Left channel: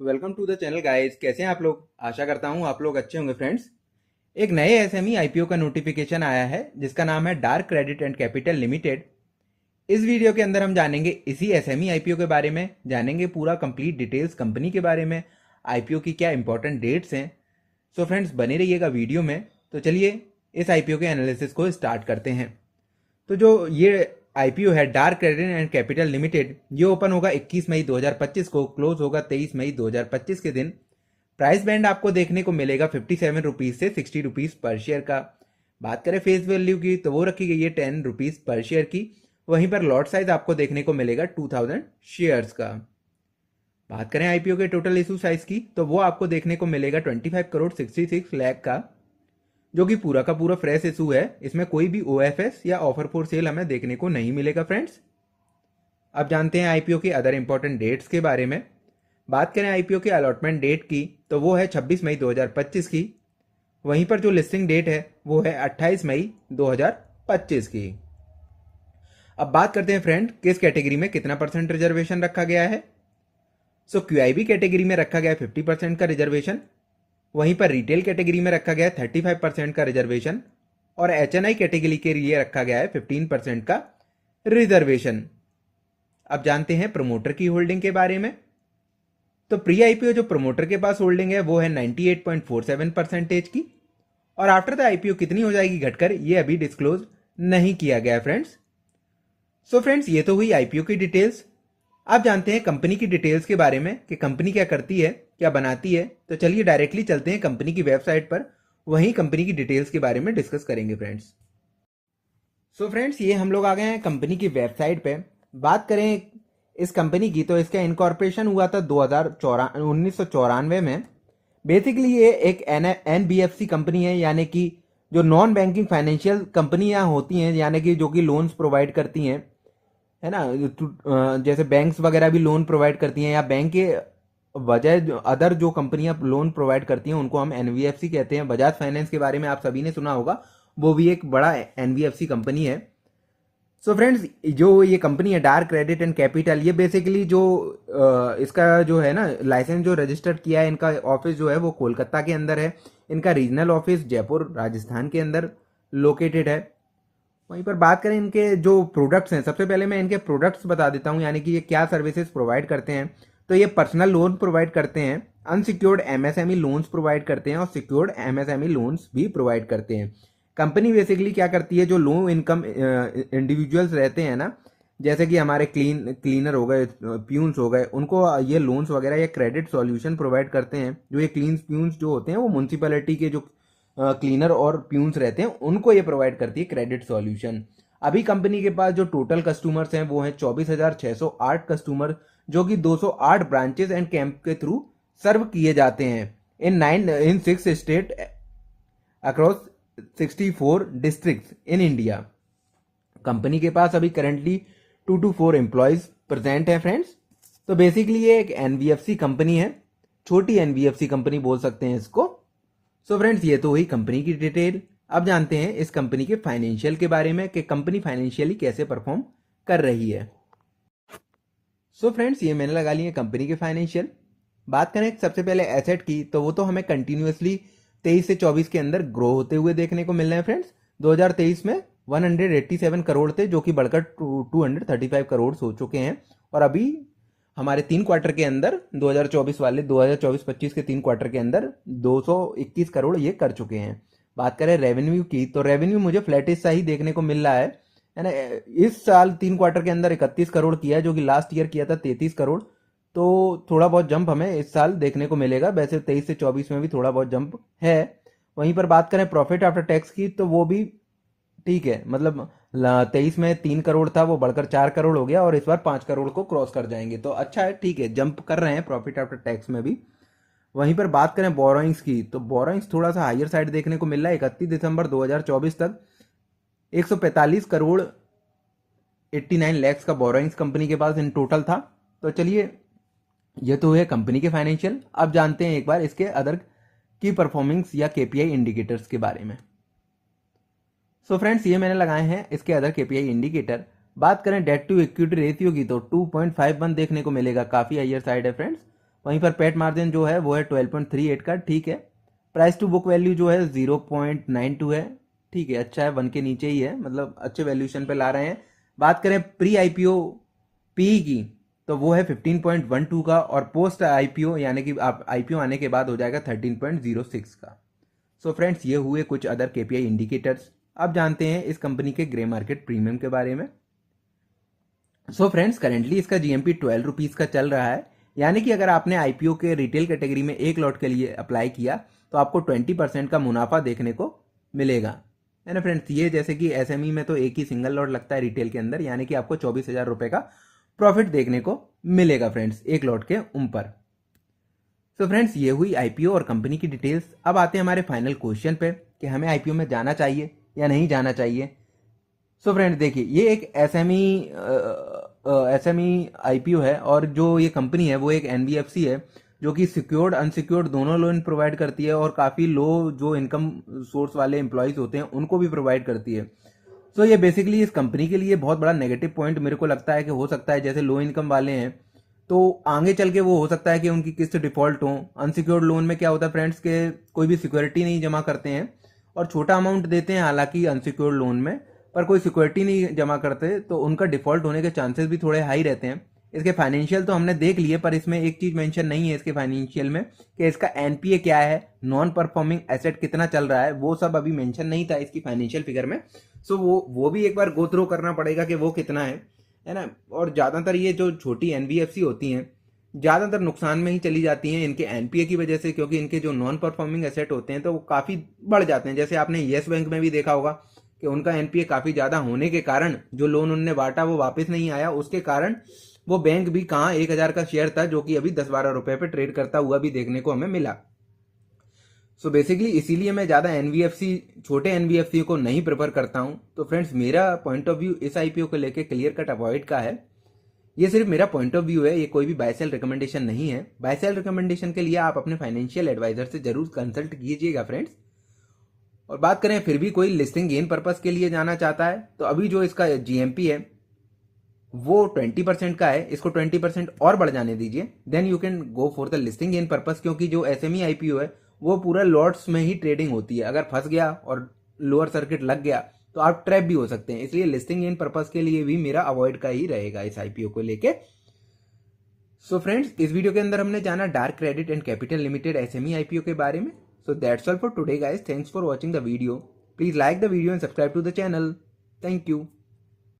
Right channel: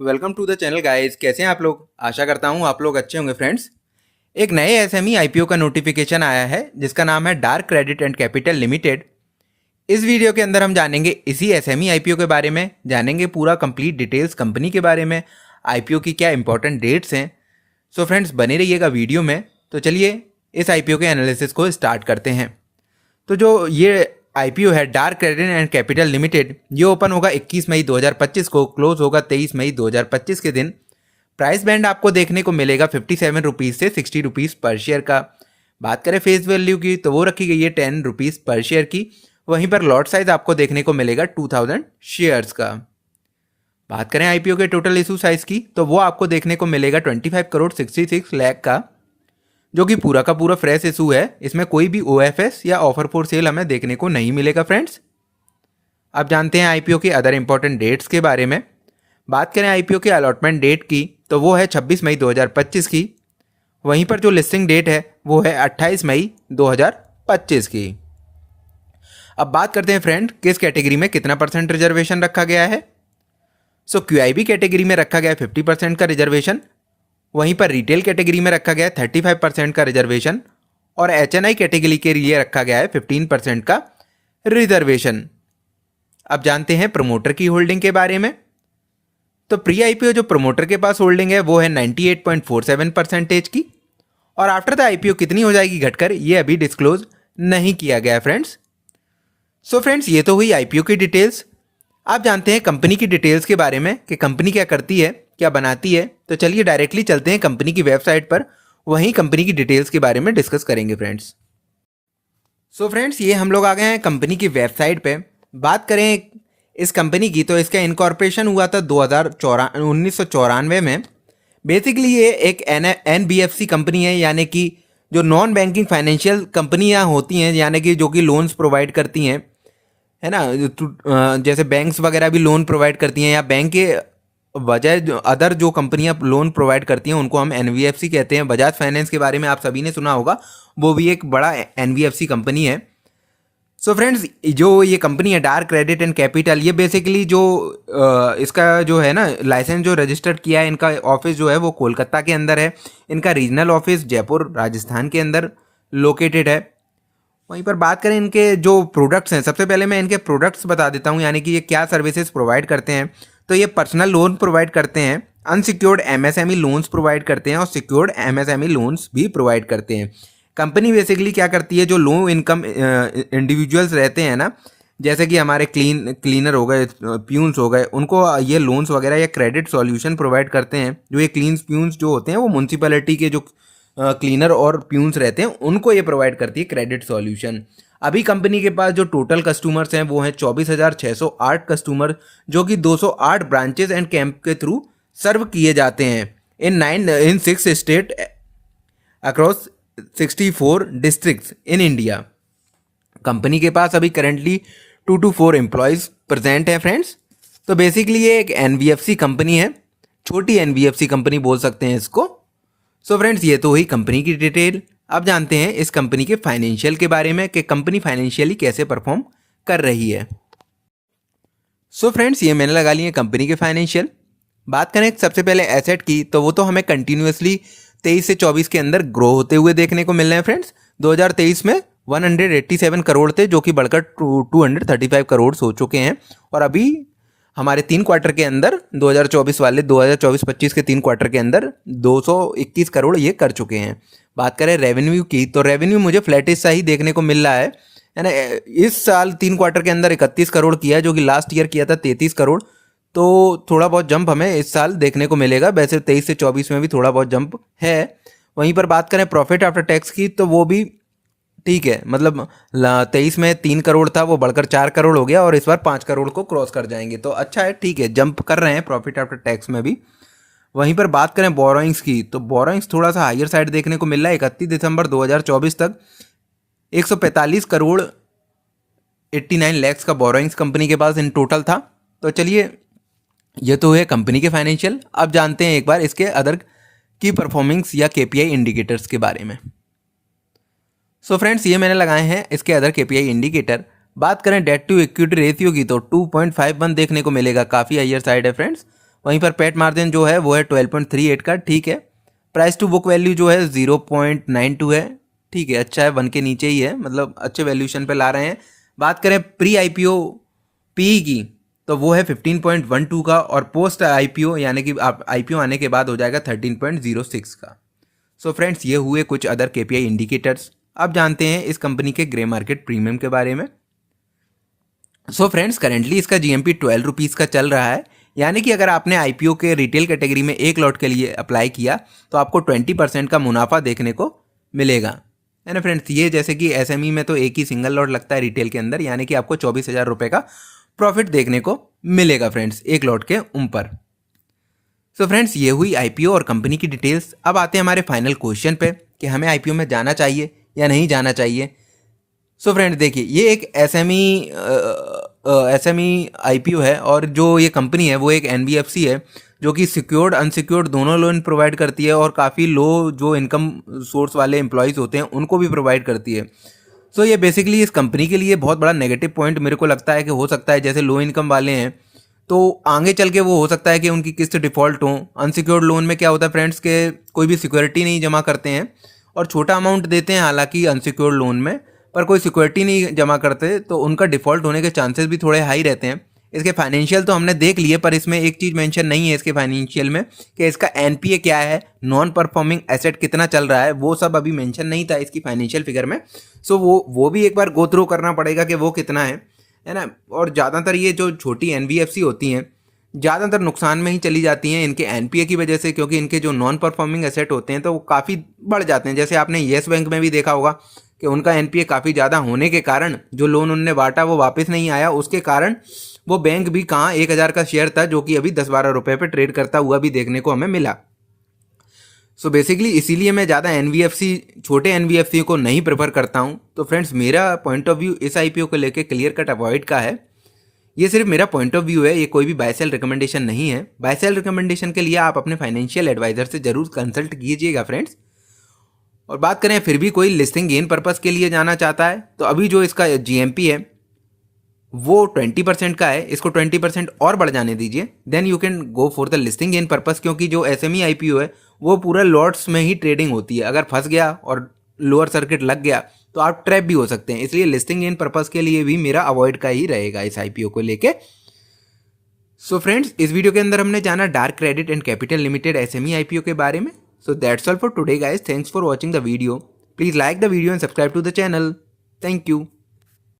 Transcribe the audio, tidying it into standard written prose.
Welcome to the channel guys. कैसे हैं आप लोग? आशा करता हूं आप लोग अच्छे होंगे फ्रेंड्स। एक नए एसएमई आईपीओ का नोटिफिकेशन आया है जिसका नाम है dark credit and capital limited. इस वीडियो के अंदर हम जानेंगे इसी एसएमई आईपीओ के बारे में, जानेंगे पूरा कंप्लीट डिटेल्स कंपनी के बारे में, आईपीओ की क्या इंपॉर्टेंट डेट्स हैं। सो फ्रेंड्स बने रहिएगा वीडियो में। तो चलिए इस आईपीओ के एनालिसिस को स्टार्ट करते हैं। तो जो ये आईपीओ है dark credit and capital limited, ये ओपन होगा 21 मई 2025 को, क्लोज होगा 23 मई 2025 के दिन। प्राइस बैंड आपको देखने को मिलेगा 57 रुपीज़ से 60 रुपीज़ पर शेयर का। बात करें फेस वैल्यू की तो वो रखी गई है 10 रुपीज़ पर शेयर की। वहीं पर लॉट साइज आपको देखने को मिलेगा 2000 शेयर्स का। बात करें आईपीओ के टोटल इशू साइज की तो वो आपको देखने को मिलेगा 25 करोड़ 66 लाख का, जो कि पूरा का पूरा फ्रेश इशू है। इसमें कोई भी ओएफएस या ऑफर फॉर सेल हमें देखने को नहीं मिलेगा फ्रेंड्स। अब जानते हैं आईपीओ के अदर इंपॉर्टेंट डेट्स के बारे में। बात करें आईपीओ के अलॉटमेंट डेट की तो वो है 26 मई 2025 की। वहीं पर जो लिस्टिंग डेट है वो है 28 मई 2025 की। अब बात करते हैं फ्रेंड किस कैटेगरी में कितना परसेंट रिजर्वेशन रखा गया है। सो क्यूआईबी कैटेगरी में रखा गया है 50% का रिजर्वेशन। वहीं पर रिटेल कैटेगरी में रखा गया है 35% का रिजर्वेशन। और एचएनआई कैटेगरी के लिए रखा गया है 15% का रिजर्वेशन। अब जानते हैं प्रमोटर की होल्डिंग के बारे में। तो प्री आईपीओ जो प्रमोटर के पास होल्डिंग है वो है 98.47% की, और आफ्टर द आईपीओ कितनी हो जाएगी घटकर ये अभी डिस्क्लोज नहीं किया गया फ्रेंड्स। सो फ्रेंड्स ये तो हुई आईपीओ की डिटेल्स। आप जानते हैं कंपनी की डिटेल्स के बारे में कि कंपनी क्या करती है, क्या बनाती है। तो चलिए डायरेक्टली चलते हैं कंपनी की वेबसाइट पर, वहीं कंपनी की डिटेल्स के बारे में डिस्कस करेंगे फ्रेंड्स। सो फ्रेंड्स ये हम लोग आ गए हैं कंपनी की वेबसाइट पे। बात करें इस कंपनी की तो इसका इनकॉर्पोरेशन हुआ था 1994 में। बेसिकली ये एक एनबीएफसी कंपनी है, यानी कि जो नॉन बैंकिंग फाइनेंशियल कंपनियां होती हैं, यानी कि जो कि लोन्स प्रोवाइड करती हैं, है ना। जैसे बैंक्स वगैरह भी लोन प्रोवाइड करती हैं, या बैंक के बजाय अदर जो कंपनियां लोन प्रोवाइड करती हैं उनको हम एनबीएफसी कहते हैं। बजाज फाइनेंस के बारे में आप सभी ने सुना होगा, वो भी एक बड़ा एनबीएफसी कंपनी है। सो फ्रेंड्स जो ये कंपनी है डार्क क्रेडिट एंड कैपिटल, ये बेसिकली जो इसका जो है ना लाइसेंस जो रजिस्टर्ड किया है, इनका ऑफिस जो है वो कोलकाता के अंदर है। इनका रीजनल ऑफिस जयपुर राजस्थान के अंदर लोकेटेड है। वहीं पर बात करें इनके जो प्रोडक्ट्स हैं, सबसे पहले मैं इनके प्रोडक्ट्स बता देता हूँ, यानी कि ये क्या सर्विसेज प्रोवाइड करते हैं। तो ये पर्सनल लोन प्रोवाइड करते हैं, अनसिक्योर्ड एमएसएमई लोन्स प्रोवाइड करते हैं, और सिक्योर्ड एमएसएमई लोन्स भी प्रोवाइड करते हैं। कंपनी बेसिकली क्या करती है, जो लो इनकम इंडिविजुअल्स रहते हैं ना, जैसे कि हमारे क्लीनर हो गए, प्यून्स हो गए, उनको ये लोन्स वगैरह या क्रेडिट सॉल्यूशन प्रोवाइड करते हैं। जो ये क्लीन प्यून्स जो होते हैं वो म्यूनसिपैलिटी के जो क्लीनर और प्यून्स रहते हैं उनको ये प्रोवाइड करती है क्रेडिट सॉल्यूशन। अभी कंपनी के पास जो टोटल कस्टमर्स हैं वो हैं 24,608 कस्टमर, जो कि 208 ब्रांचेस एंड कैंप के थ्रू सर्व किए जाते हैं इन 6 state across 64 districts in India. Company के पास अभी करेंटली 2 to 4 एम्प्लॉयज़ प्रेजेंट हैं फ्रेंड्स। तो बेसिकली ये एक एनबीएफसी कंपनी है, छोटी एनबीएफसी कंपनी बोल सकते हैं इसको। सो फ्रेंड्स ये तो हुई कंपनी की डिटेल। अब जानते हैं इस कंपनी के फाइनेंशियल के बारे में कि कंपनी फाइनेंशियली कैसे परफॉर्म कर रही है। सो फ्रेंड्स ये मैंने लगा लिए कंपनी के फाइनेंशियल। बात करें सबसे पहले एसेट की तो वो तो हमें कंटिन्यूसली 23 से 24 के अंदर ग्रो होते हुए देखने को मिल रहे हैं फ्रेंड्स। 2023 में 187 करोड़ थे, जो कि बढ़कर 235 करोड़ हो चुके हैं। और अभी हमारे 3 क्वार्टर के अंदर 2024-25 के 3 क्वार्टर के अंदर 221 करोड़ ये कर चुके हैं। बात करें रेवेन्यू की तो रेवेन्यू मुझे फ्लैटिश सा ही देखने को मिल रहा है ना। इस साल 3 क्वार्टर के अंदर 31 करोड़ किया, जो कि लास्ट ईयर किया था 33 करोड़। तो थोड़ा बहुत जंप हमें इस साल देखने को मिलेगा। वैसे 23 से 24 में भी थोड़ा बहुत जंप है। वहीं पर बात करें प्रॉफिट आफ्टर टैक्स की तो वो भी ठीक है, मतलब 23 में 3 करोड़ था, वो बढ़कर 4 करोड़ हो गया, और इस बार 5 करोड़ को क्रॉस कर जाएंगे। तो अच्छा है, ठीक है, जंप कर रहे हैं प्रॉफिट आफ्टर टैक्स में भी। वहीं पर बात करें बोरोइंग्स की तो बोरोइंग्स थोड़ा सा हायर साइड देखने को मिल रहा है। 31 दिसंबर 2024 तक 145 करोड़ 89 लैक्स का बोरोइंग्स कंपनी के पास इन टोटल था। तो चलिए ये तो है कंपनी के फाइनेंशियल। अब जानते हैं एक बार इसके अदर की परफॉर्मेंस या केपीआई इंडिकेटर्स के बारे में। सो फ्रेंड्स ये मैंने लगाए हैं इसके अदर केपीआई इंडिकेटर। बात करें डेट टू इक्विटी रेशियो की तो 2.51 देखने को मिलेगा, काफ़ी हायर साइड है फ्रेंड्स। वहीं पर पेट मार्जिन जो है वो है 12.38 का, ठीक है। प्राइस टू बुक वैल्यू जो है 0.92 है, ठीक है, अच्छा है, 1 के नीचे ही है, मतलब अच्छे वैल्यूशन पे ला रहे हैं। बात करें प्री आईपीओ पीई की तो वो है 15.12 का, और पोस्ट आईपीओ यानी कि आप आईपीओ आने के बाद हो जाएगा 13.06 का। सो फ्रेंड्स, ये हुए कुछ अदर केपीआई इंडिकेटर्स। अब जानते हैं इस कंपनी के ग्रे मार्केट प्रीमियम के बारे में। सो फ्रेंड्स, करेंटली इसका जीएमपी 12 रुपीज़ का चल रहा है, यानी कि अगर आपने आईपीओ के रिटेल कैटेगरी में एक लॉट के लिए अप्लाई किया तो आपको 20% का मुनाफा देखने को मिलेगा, है ना फ्रेंड्स। ये जैसे कि एसएमई में तो एक ही सिंगल लॉट लगता है रिटेल के अंदर, यानी कि आपको 24,000 रुपये का प्रॉफिट देखने को मिलेगा फ्रेंड्स एक लॉट के ऊपर। सो फ्रेंड्स, ये हुई आईपीओ और कंपनी की डिटेल्स। अब आते हैं हमारे फाइनल क्वेश्चन पे कि हमें आईपीओ में जाना चाहिए या नहीं जाना चाहिए। सो फ्रेंड्स, देखिए, ये एक एसएमई आईपीओ है, और जो ये कंपनी है वो एक एनबीएफसी है जो कि सिक्योर्ड अनसिक्योर्ड दोनों लोन प्रोवाइड करती है, और काफ़ी लो जो इनकम सोर्स वाले एम्प्लॉयज़ होते हैं उनको भी प्रोवाइड करती है। सो ये बेसिकली इस कंपनी के लिए बहुत बड़ा नेगेटिव पॉइंट मेरे को लगता है कि हो सकता है जैसे लो इनकम वाले हैं तो आगे चल के वो हो सकता है कि उनकी किस्त डिफ़ॉल्ट हो। अनसिक्योर्ड लोन में क्या होता है फ्रेंड्स के कोई भी सिक्योरिटी नहीं जमा करते हैं और छोटा अमाउंट देते हैं, हालांकि अनसिक्योर्ड लोन में, पर कोई सिक्योरिटी नहीं जमा करते तो उनका डिफ़ॉल्ट होने के चांसेस भी थोड़े हाई रहते हैं। इसके फाइनेंशियल तो हमने देख लिए, पर इसमें एक चीज़ मेंशन नहीं है इसके फाइनेंशियल में कि इसका एनपीए क्या है, नॉन परफॉर्मिंग एसेट कितना चल रहा है, वो सब अभी मेंशन नहीं था इसकी फाइनेंशियल फिगर में। सो वो भी एक बार गो थ्रू करना पड़ेगा कि वो कितना है ना। और ज़्यादातर ये जो छोटी एनबीएफसी होती हैं ज़्यादातर नुकसान में ही चली जाती हैं इनके एनपीए की वजह से, क्योंकि इनके जो नॉन परफॉर्मिंग एसेट होते हैं तो वो काफ़ी बढ़ जाते हैं। जैसे आपने येस बैंक में भी देखा होगा कि उनका एनपीए काफ़ी ज़्यादा होने के कारण जो लोन उनने बांटा वो वापस नहीं आया, उसके कारण वो बैंक भी कहाँ 1,000 का शेयर था जो कि अभी 10-12 रुपये पे ट्रेड करता हुआ भी देखने को हमें मिला। सो बेसिकली इसीलिए मैं ज़्यादा एनबीएफसी छोटे एनबीएफसी को नहीं प्रेफर करता हूँ। तो फ्रेंड्स, मेरा पॉइंट ऑफ व्यू इस आईपीओ को लेके क्लियर कट अवॉइड का है। ये सिर्फ मेरा पॉइंट ऑफ व्यू है, ये कोई भी बाय सेल रिकमेंडेशन नहीं है। बाय सेल रिकमेंडेशन के लिए आप अपने फाइनेंशियल एडवाइजर से जरूर कंसल्ट कीजिएगा फ्रेंड्स। और बात करें फिर भी कोई लिस्टिंग गेन पर्पस के लिए जाना चाहता है तो अभी जो इसका जीएमपी है वो 20% का है, इसको 20% और बढ़ जाने दीजिए, then you can go for the listing gain purpose. क्योंकि जो एसएमई आईपीओ है वो पूरा लॉट्स में ही ट्रेडिंग होती है, अगर फंस गया और लोअर सर्किट लग गया तो आप ट्रैप भी हो सकते हैं। इसलिए लिस्टिंग गेन पर्पस के लिए भी मेरा अवॉइड का ही रहेगा इस आईपीओ को लेके। सो फ्रेंड्स, इस वीडियो के अंदर हमने जाना dark credit and capital limited SME IPO के बारे में। So that's all for today guys, thanks for watching the video. Please like the video and subscribe to the channel. Thank you.